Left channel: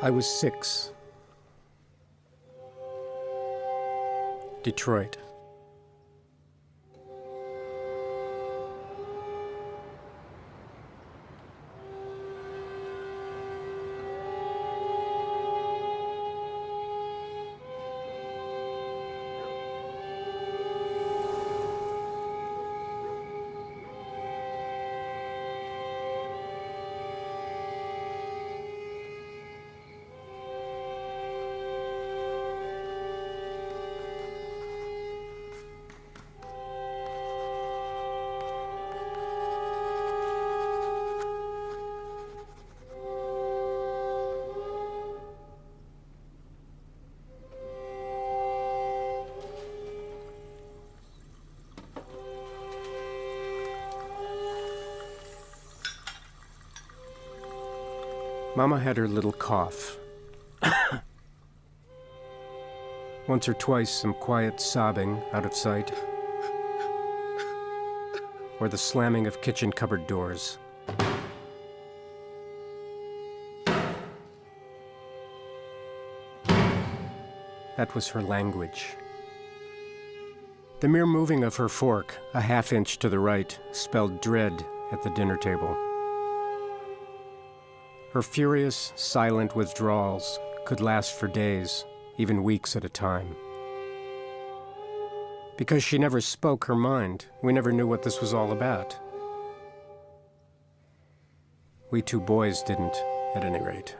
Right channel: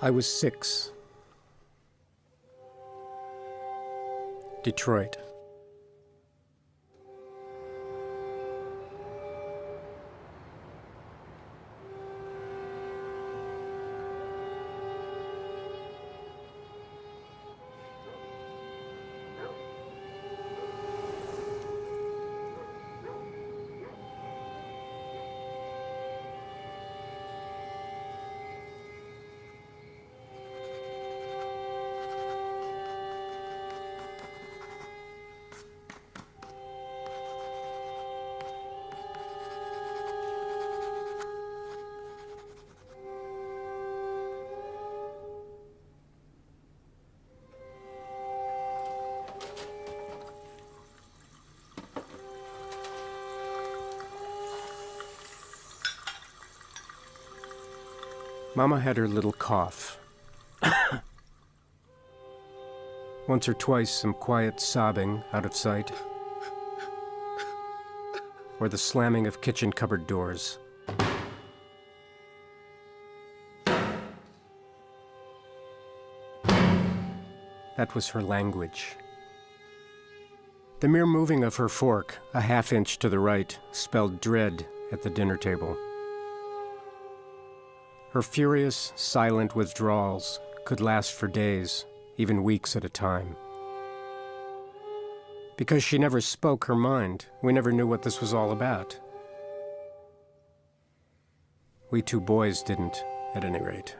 I was 6. Detroit. Mama had her little cough. Once or twice, some quiet sobbing out of sight, or the slamming of kitchen cupboard doors. That was her language. The mere moving of her fork, a half-inch to the right, spelled dread at the dinner table. Her furious, silent withdrawals could last for days, even weeks at a time. Because she never spoke her mind, we never knew what this was all about. We two boys didn't, at any rate.